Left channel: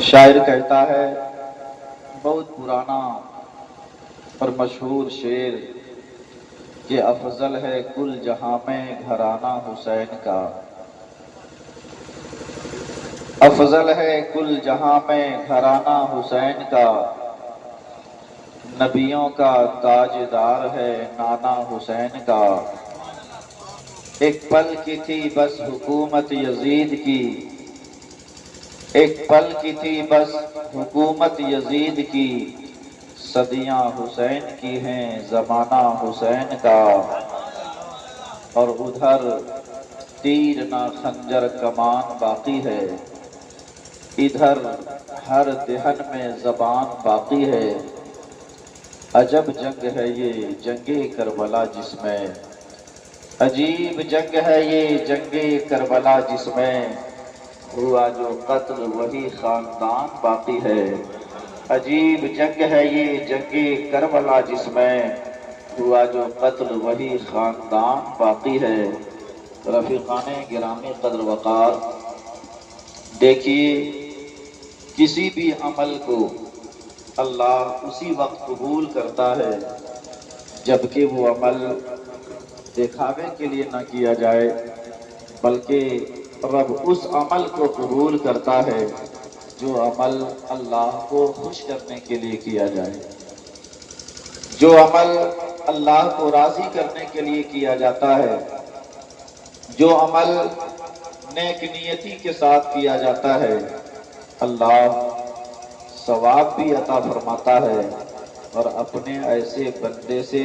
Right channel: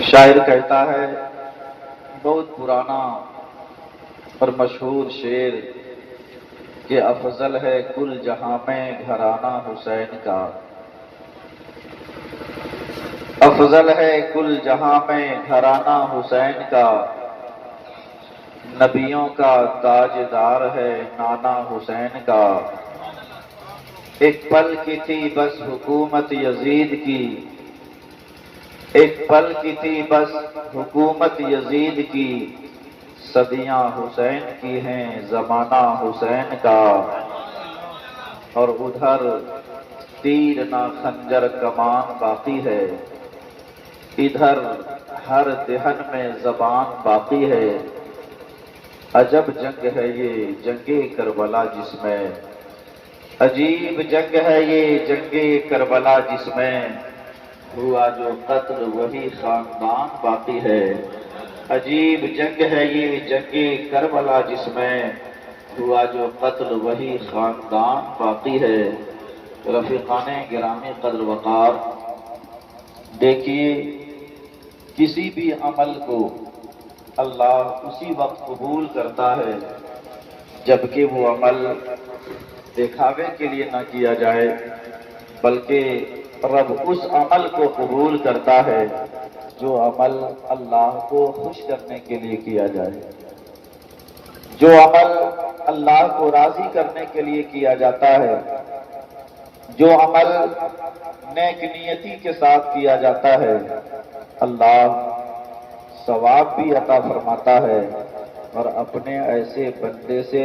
شاعر کہتا ہے بہت پرانا اور مشہور شعر کہ افضل ہے کل جہاں میں گھرانہ حسین کا، افضل ہے کل جہاں میں گھرانہ حسین کا، نبیوں کا تاجدار ہے نانا حسین کا۔ ایک پل کی تھی بس حکومت یزید کی، ایک پل کی تھی بس حکومت یزید کی، صدیاں حسین کی ہیں زمانہ حسین کا، اور ادھر تیر نہ خنجر کمان باقی ہے، ادھر ہر دہن میں زبان باقی ہے۔ عجب جنگ ہے یہ جنگ کربلا جس میں، عجیب جنگ ہے یہ جنگ کربلا جس میں، ہوا جو قتل وہی خاندان باقی ہے۔ عجیب جنگ ہے یہ جنگ کربلا جس میں، ہوا جو قتل وہی خاندان باقی ہے۔ رفیقان گرامی قدر وقار، دیکھیے کسی بھی عمل کو اللہ اسی وقت قبول کرتا ہے جبکہ وہ عمل دکھاوے کے لیے نہ کیا جائے، بلکہ رب اس عمل کو قبول کرتا ہے جو عمل اللہ کو خوش کرنے کے لیے کیا جائے، جو عمل اللہ کو راضی کرنے کے لیے کیا جاتا ہے، جو عمل نیک نیتی کے ساتھ کیا جاتا ہے، اللہ ثواب بھی عطا فرماتا ہے اور اپنے ایسے بندے سے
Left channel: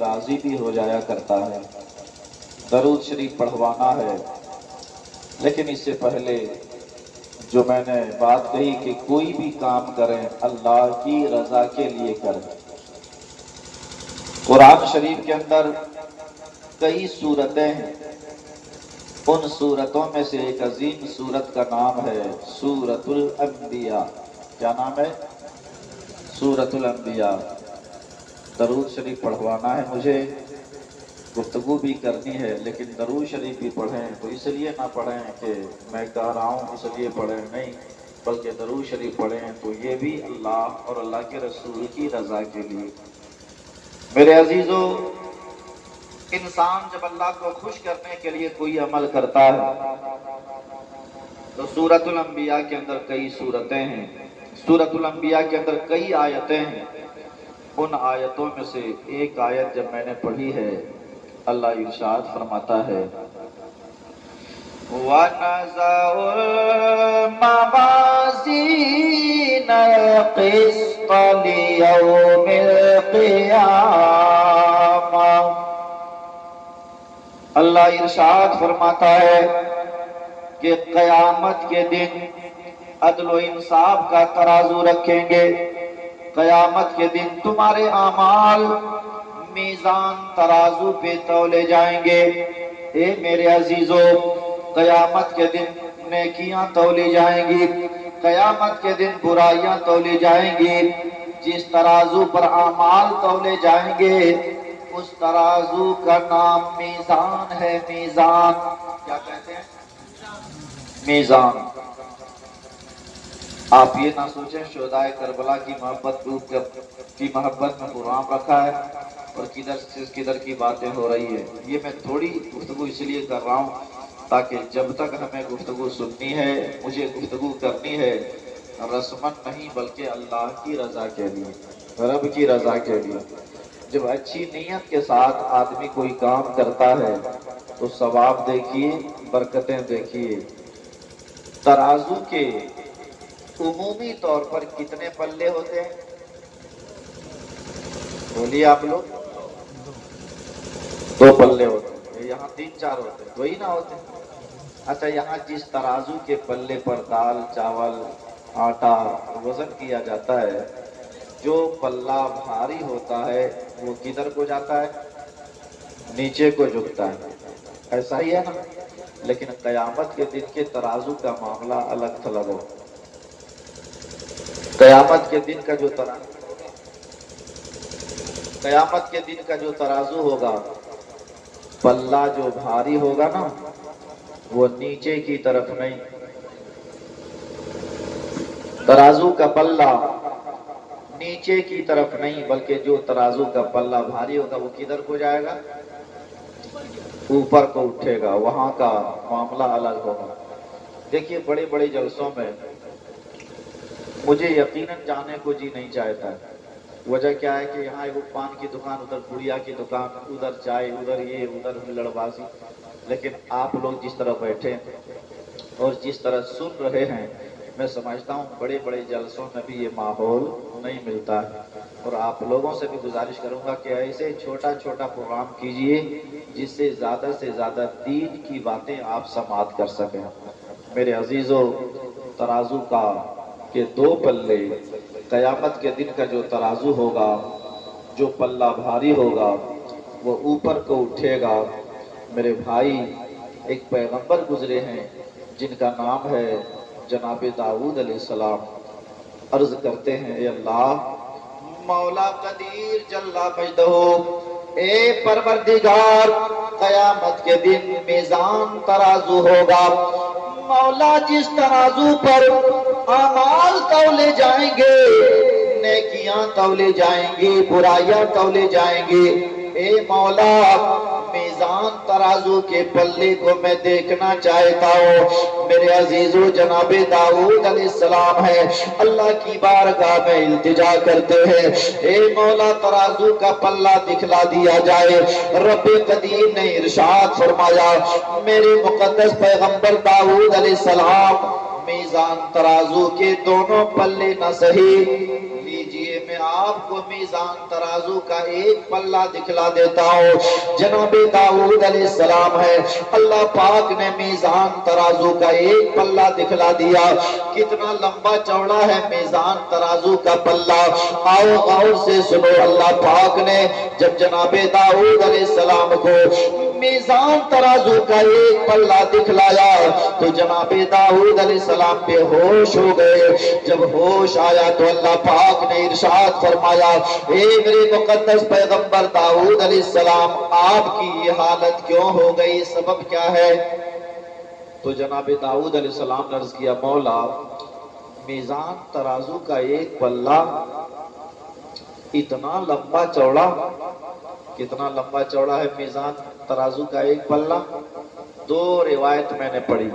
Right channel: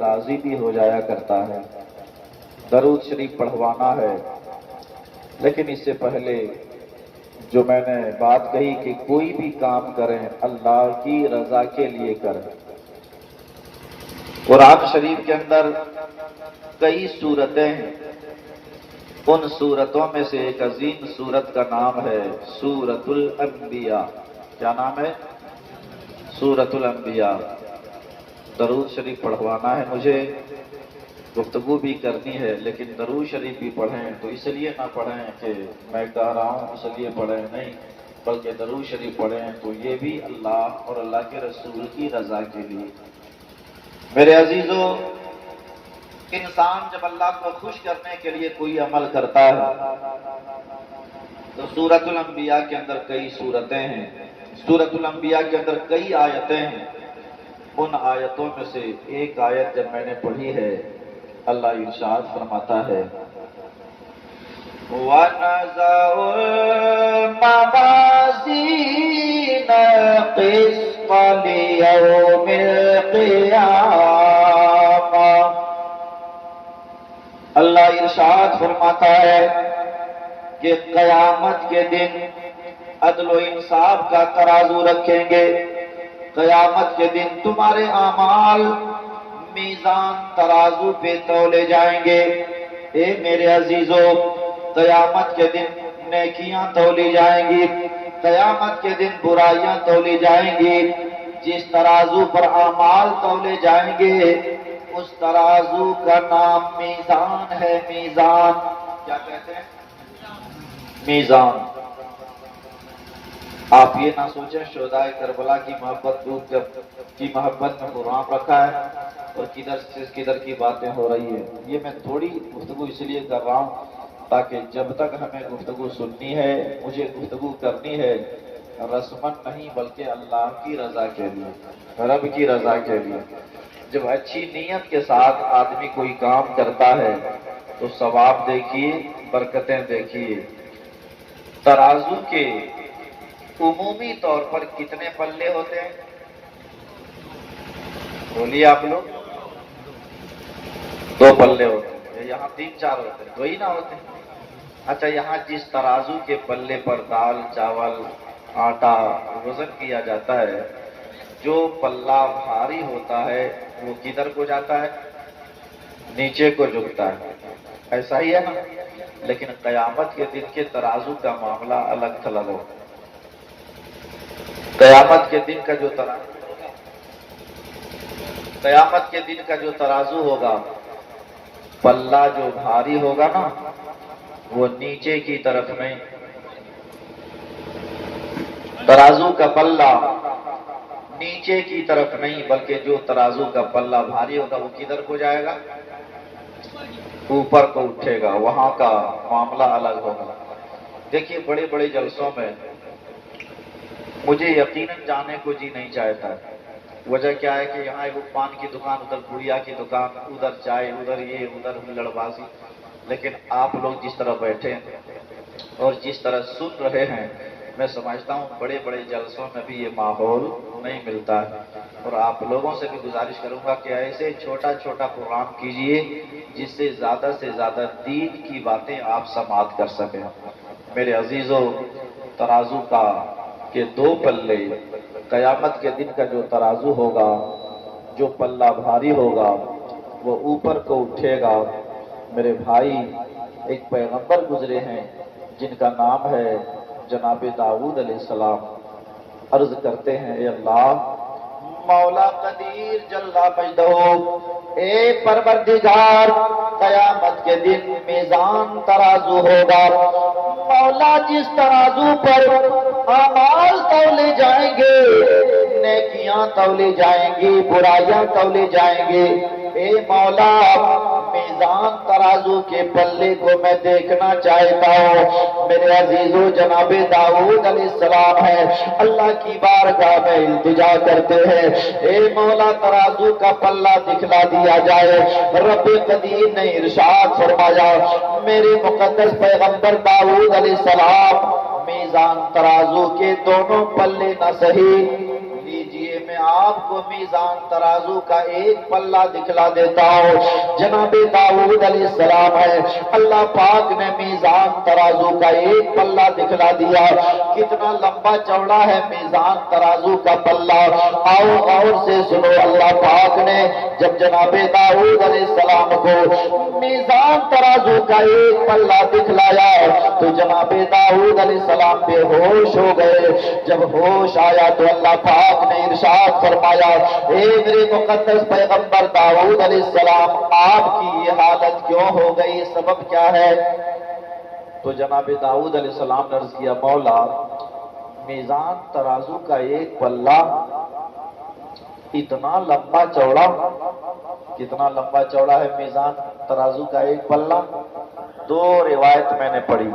راضی بھی ہو جایا کرتا ہے۔ درود شریف پڑھوانا ہے، لیکن اس سے پہلے جو میں نے بات کہی کہ کوئی بھی کام کریں اللہ کی رضا کے لیے کریں۔ قرآن شریف کے اندر کئی سورتیں ہیں، ان سورتوں میں سے ایک عظیم سورت کا نام ہے سورۃ الانبیاء۔ کیا نام ہے؟ سورۃ الانبیاء۔ درود شریف پڑھوانا ہے مجھے، گفتگو بھی کرنی ہے، لیکن درود شریف بھی پڑھیں تو اس لیے نہ پڑھیں کہ میں کہہ رہا ہوں اس لیے پڑھیں، نہیں، بلکہ درود شریف پڑھیں تو یہ بھی اللہ اور اللہ کے رسول کی رضا کے لیے۔ میرے عزیزو، انسان جب اللہ کو خوش کرنے کے لیے کوئی عمل کرتا ہے تو سورۃ الانبیاء کے اندر کئی سورتیں ہیں، سورۃ الانبیاء کے اندر کئی آیتیں ہیں۔ ان آیتوں میں سے ایک آیت جب میں نے پڑھی ہے، اللہ ارشاد فرماتا ہے وَنَزَعُ الْمَوَازِينَ الْقِسْطَ لِيَوْمِ الْقِيَامَةِ۔ اللہ ارشاد فرماتا ہے کہ قیامت کے دن عدل و انصاف کا ترازو رکھیں گے، قیامت کے دن تمہارے اعمال میزان ترازو پہ تولے جائیں گے۔ اے میرے عزیزو، قیامت کے دن نیکیاں تولی جائیں گی، قیامت کے دن برائیاں تولی جائیں گی۔ جس ترازو پر اعمال تولے جائیں گے اس ترازو کا نام میزان ہے۔ میزان کیا کہتے ہیں؟ میزان۔ آپ یہ نہ سوچیں شہدائے کربلا کی محبت کی محبت میں قرآن رکھا ہے اور کدھر سے کدھر کی باتیں ہو رہی ہے۔ یہ میں تھوڑی گفتگو اس لیے کر رہا ہوں تاکہ جب تک ہمیں گفتگو سننی ہے، مجھے گفتگو کرنی ہے رسمن نہیں بلکہ اللہ کی رضا کے لیے، رب کی رضا کے لیے۔ جب اچھی نیت کے ساتھ آدمی کوئی کام کرتا ہے تو ثواب دیکھیے، برکتیں دیکھیے۔ ترازو کے عمومی طور پر کتنے پلے ہوتے ہیں؟ بولیے آپ لوگ۔ 2 پلے ہوتے ہیں، یہاں 3-4 ہوتے ہیں، وہی نہ ہوتے ہیں۔ اچھا، یہاں جس ترازو کے پلے پر دال، چاول، آٹا وزن کیا جاتا ہے، جو پلہ بھاری ہوتا ہے وہ کدھر کو جاتا ہے؟ نیچے کو جھکتا ہے، ایسا ہی ہے نا؟ لیکن قیامت کے دن کے ترازو کا معاملہ الگ تھلگ ہو۔ قیامت کے دن کا جو قیامت کے دن کا جو ترازو ہوگا، پلہ جو بھاری ہوگا نا وہ نیچے کی طرف نہیں، ترازو کا پلہ نیچے کی طرف نہیں، بلکہ جو ترازو کا پلہ بھاری ہوگا وہ کدھر کو جائے گا؟ اوپر کو اٹھے گا، وہاں کا معاملہ الگ ہوگا۔ دیکھیے بڑے بڑے جلسوں میں مجھے یقیناً جانے کو جی نہیں چاہتا۔ وجہ کیا ہے کہ یہاں ایک پان کی دکان، ادھر گڑیا کی دکان، ادھر چائے، ادھر یہ، ادھر ہلڑ بازی۔ لیکن آپ لوگ جس طرح بیٹھے ہیں اور جس طرح سن رہے ہیں، میں سمجھتا ہوں بڑے بڑے جلسوں میں بھی یہ ماحول نہیں ملتا ہے۔ اور آپ لوگوں سے بھی گزارش کروں گا کہ ایسے چھوٹا چھوٹا پروگرام کیجئے جس سے زیادہ دین کی باتیں آپ سماعت کر سکیں۔ میرے عزیزو، ترازو کا کہ دو پلے، قیامت کے دن کا جو ترازو ہوگا، جو پلہ بھاری ہوگا وہ اوپر کو اٹھے گا۔ میرے بھائی، ایک پیغمبر گزرے ہیں جن کا نام ہے جناب داؤد علیہ السلام۔ عرض کرتے ہیں، اے اللہ مولا قدیر جل مجدہ، اے پروردگار، قیامت کے دن میزان ترازو ہوگا۔ مولا جس ترازو پر اعمال تولے جائیں گے، نیکیاں تولے جائیں گی، برائیاں تولے جائیں گے، اے مولا میزان ترازو کے پلے کو میں دیکھنا چاہتا ہوں۔ میرے عزیزو، جناب داؤد علیہ السلام ہے، اللہ کی بارگاہ میں التجا کرتے ہیں، اے مولا ترازو کا پلہ دکھلا دیا جائے۔ رب قدیر نے ارشاد فرمایا، میرے مقدس پیغمبر داؤد علیہ السلام، میزان ترازو کے دونوں پلے نہ صحیح لیجئے، میں آپ کو میزان ترازو کا ایک پلہ دکھلا دیتا ہوں۔ جناب داؤد علیہ السلام ہے، اللہ پاک نے میزان ترازو کا ایک پلہ دکھلا دیا۔ کتنا لمبا چوڑا ہے میزان ترازو کا پلہ؟ آؤ غور سے سنو، اللہ پاک نے جب جناب داؤد علیہ السلام کو میزان ترازو کا ایک پلہ دکھلایا تو جناب داؤد علیہ السلام بے ہوش ہو گئے۔ جب ہوش آیا تو اللہ پاک نے ارشاد فرمایا، اے میرے مقدس پیغمبر داؤد علیہ السلام، آپ کی یہ حالت کیوں ہو گئی؟ سبب کیا ہے؟ تو جناب داؤد علیہ السلام نے عرض کیا، مولا میزان ترازو کا ایک پلہ اتنا لمبا چوڑا، کتنا لمبا چوڑا ہے میزان ترازو کا ایک پلہ؟ دو روایت میں نے پڑھی،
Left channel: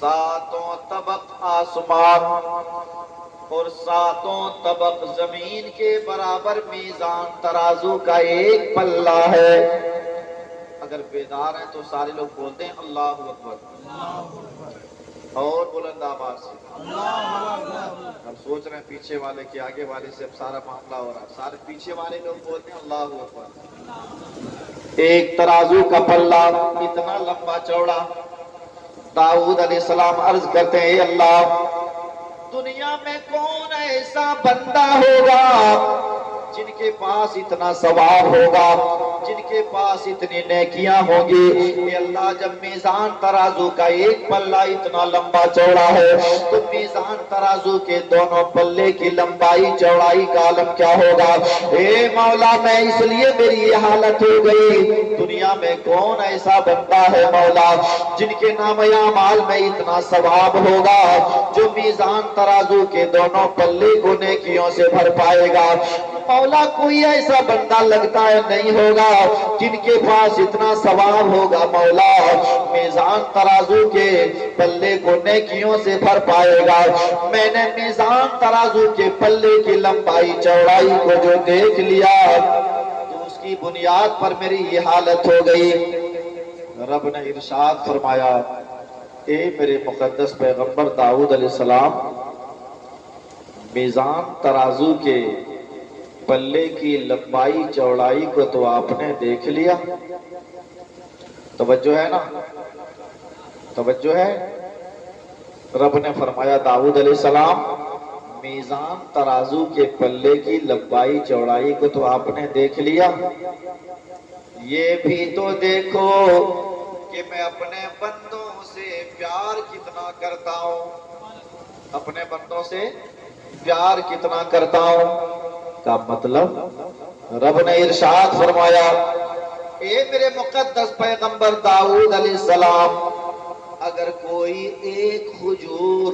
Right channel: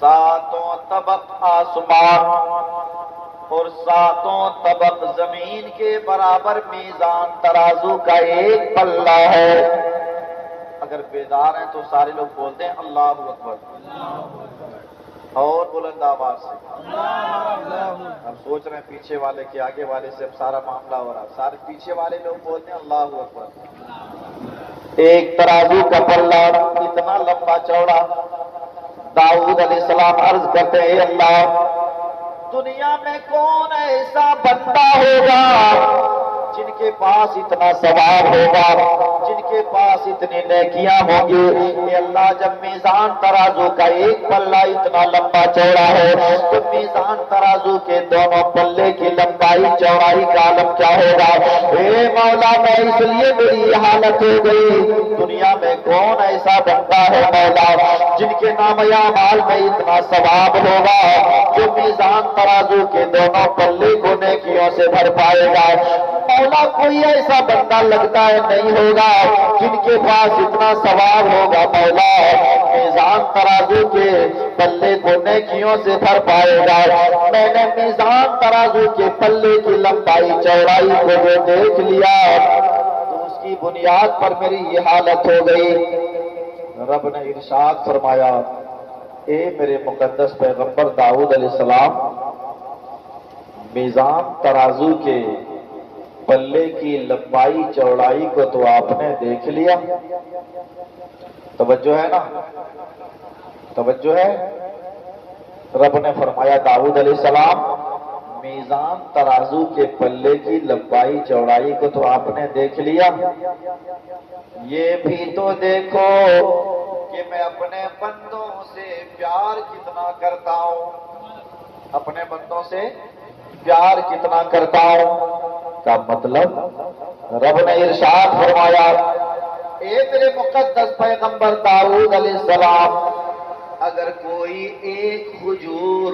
ساتوں طبق آسمان اور ساتوں طبق زمین کے برابر میزان ترازو کا ایک پلہ ہے۔ اگر بیدار ہیں تو سارے لوگ بولتے ہیں اللہ اکبر، اور بلند آواز سے۔ ہم سوچ رہے ہیں پیچھے والے کے آگے والے سے سارا معاملہ ہو رہا ہے، سارے پیچھے والے لوگ بولتے ہیں اللہ اکبر۔ ایک ترازو کا پلہ اتنا لمبا چوڑا، داؤد علیہ السلام عرض کرتے ہیں، اے اللہ دنیا میں کون ایسا بندہ ہوگا جن کے پاس اتنا ثواب ہوگا، جن کے پاس اتنی نیکیاں ہوں گی؟ اے اللہ جب میزان ترازو کا ایک پلہ اتنا لمبا چوڑا ہے تو میزان ترازو کے دونوں پلے کی لمبائی چوڑائی کا عالم کیا ہوگا؟ اے مولا میں اس لیے میری یہ حالت ہو گئی، دنیا میں کون ایسا بندہ ہے مولا جن کے نام اعمال میں اتنا ثواب ہوگا جو میزان ترازو کے دونوں پلے کو نیکیوں سے بھر پائے گا؟ مولا کوئی ایسا بندہ لگتا ہے نہیں ہوگا جن کے پاس اتنا ثواب ہوگا مولا میزان ترازو کے پلے کو نیکیوں سے بھر پائے گا۔ میں نے میزان ترازو کے پلے کی لمبائی چوڑائی کو جو دیکھ لیا تو اس کی بنیاد پر میری یہ حالت ہو گئی۔ رب نے ارشاد فرمایا، اے میرے مقدس پیغمبر داؤد علیہ السلام، میزان ترازو کے پلے کی لمبائی چوڑائی کو تو آپ نے دیکھ لیا، توجہ ہے نا؟ توجہ ہے؟ رب نے فرمایا، داؤد علیہ السلام میزان ترازو کے پلے کی لمبائی چوڑائی کو تو آپ نے دیکھ لیا، یہ بھی تو دیکھو کہ میں اپنے بندوں سے پیار کتنا کرتا ہوں، اپنے بندوں سے پیار کتنا کرتا ہوں۔ کا مطلب رب نے ارشاد فرمایا، اے میرے مقدس پیغمبر داؤد علیہ السلام، اگر کوئی ایک کھجور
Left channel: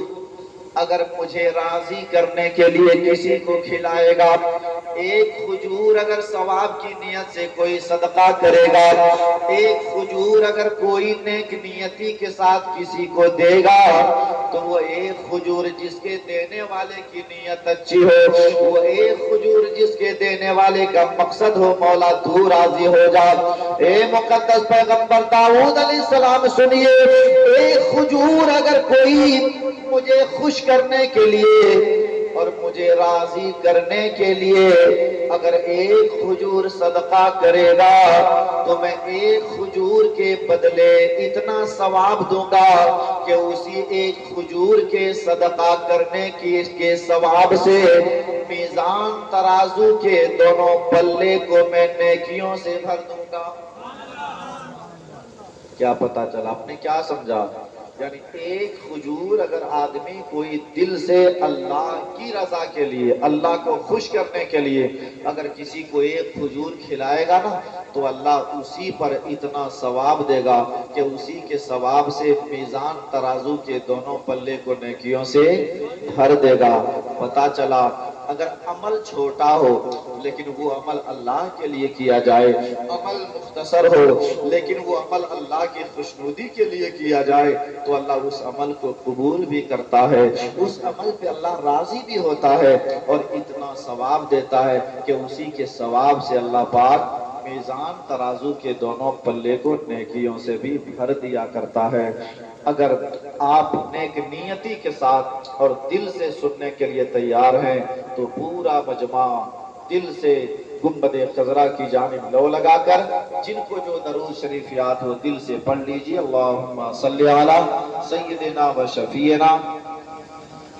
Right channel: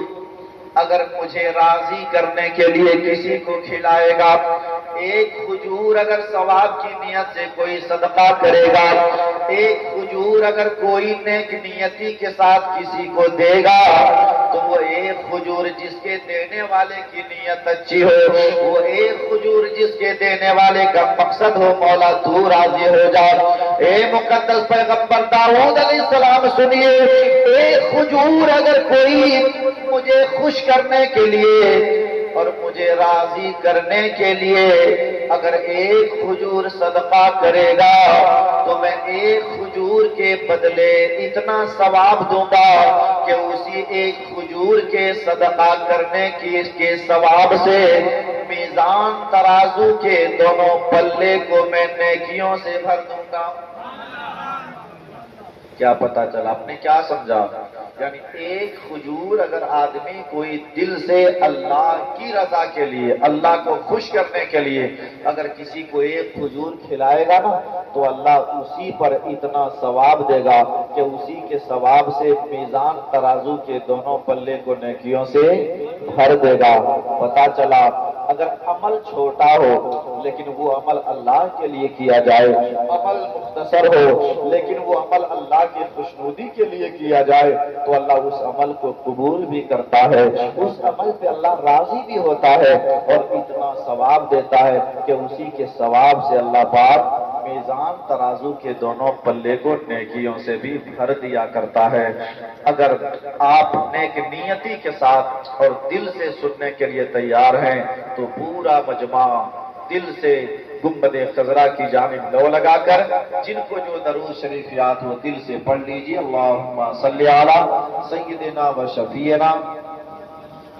اگر مجھے راضی کرنے کے لیے کسی کو کھلائے گا، ایک کھجور اگر ثواب کی نیت سے کوئی صدقہ کرے گا، ایک کھجور اگر کوئی نیک نیتی کے ساتھ کسی کو دے گا، تو وہ ایک کھجور جس کے دینے والے کی نیت اچھی ہو، وہ ایک کھجور جس کے دینے والے کا مقصد ہو مولا تو راضی ہو جا۔ اے مقدس پیغمبر داؤد علیہ السلام سنیے، ایک کھجور اگر کوئی مجھے خوش کرنے کے لیے اور مجھے راضی کرنے کے لیے اگر ایک کھجور صدقہ کرے گا، تو میں ایک کھجور کے بدلے اتنا ثواب دوں گا کہ اسی ایک کھجور کے صدقہ کرنے کے ثواب سے میزان ترازو کے دونوں پلے کو میں نیکیوں سے بھر دوں گا۔ کیا پتا چلا؟ آپ نے کیا سمجھا؟ یعنی ایک کھجور اگر آدمی کوئی دل سے اللہ کی رضا کے لیے، اللہ کو خوش کرنے کے لیے اگر کسی کو ایک کھجور کھلائے گا نا، تو اللہ اسی پر اتنا ثواب دے گا کہ اسی کے ثواب سے میزان ترازو کے دونوں پلے کو نیکیوں سے بھر دے گا۔ پتا چلا اگر عمل چھوٹا ہو لیکن وہ عمل اللہ کے لیے کیا جائے، عمل مختصر ہو لیکن وہ عمل اللہ کی خوشنودی کے لیے کیا جائے، تو اللہ اس عمل کو قبول بھی کرتا ہے، اس عمل پہ اللہ راضی بھی ہوتا ہے اور اتنا ثواب دیتا ہے کہ اسی کے ثواب سے اللہ پاک میزان ترازو کے دونوں پلے کو نیکیوں سے بھی بھر دیا کرتا ہے۔ اگر آپ نیک نیتی کے ساتھ اور دل سے سننے کے لیے تیار ہیں تو پورا مجمع دل سے گنبد خضرا کی جانب لو لگا کر جن کو جو درود شریف یاد ہو دل سے پڑھ لیجیے۔ اللہم صلی علی سیدنا و شفیعنا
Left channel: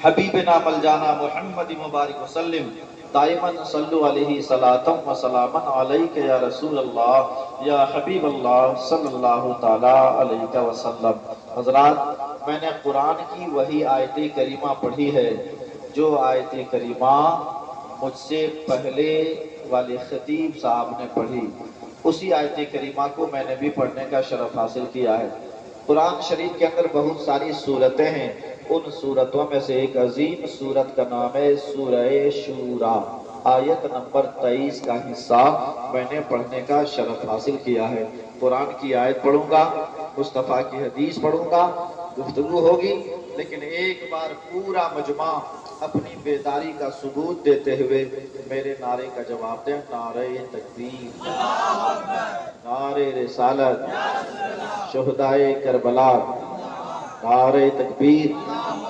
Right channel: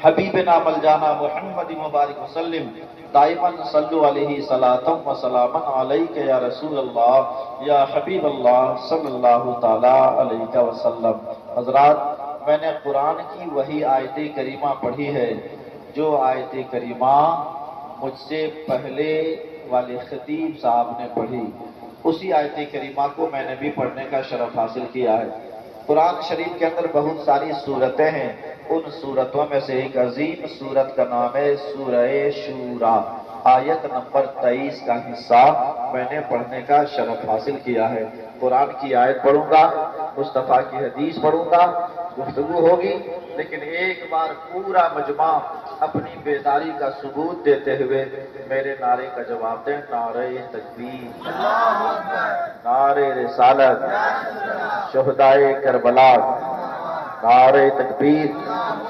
حبیبنا ملجانا محمد مبارک وسلم دائما صلو علیہ صلاۃ و سلاما علیک یا رسول اللہ یا حبیب اللہ صلی اللہ تعالی علیہ وسلم۔ حضرات، میں نے قرآن کی وہی آیت کریمہ پڑھی ہے جو آیت کریمہ مجھ سے پہلے والے خطیب صاحب نے پڑھی، اسی آیت کریمہ کو میں نے بھی پڑھنے کا شرف حاصل کیا ہے۔ قرآن شریف کے اندر بہت ساری سورتیں ہیں، ان سورتوں میں سے ایک عظیم سورت کا نام ہے سورہ شورا، آیت نمبر 23 کا حصہ میں نے پڑھنے کا شرف حاصل کیا ہے۔ قرآن کی آیت پڑھوں گا، مصطفیٰ کی حدیث پڑھوں گا، گفتگو ہوگی، لیکن ایک بار پورا مجمع اپنی بیداری کا ثبوت دیتے ہوئے میرے نعرے کا جواب دیں۔ نعرہ تکبیر، نعرہ رسالت، شہدائے کربلا، نعرہ تکبیر۔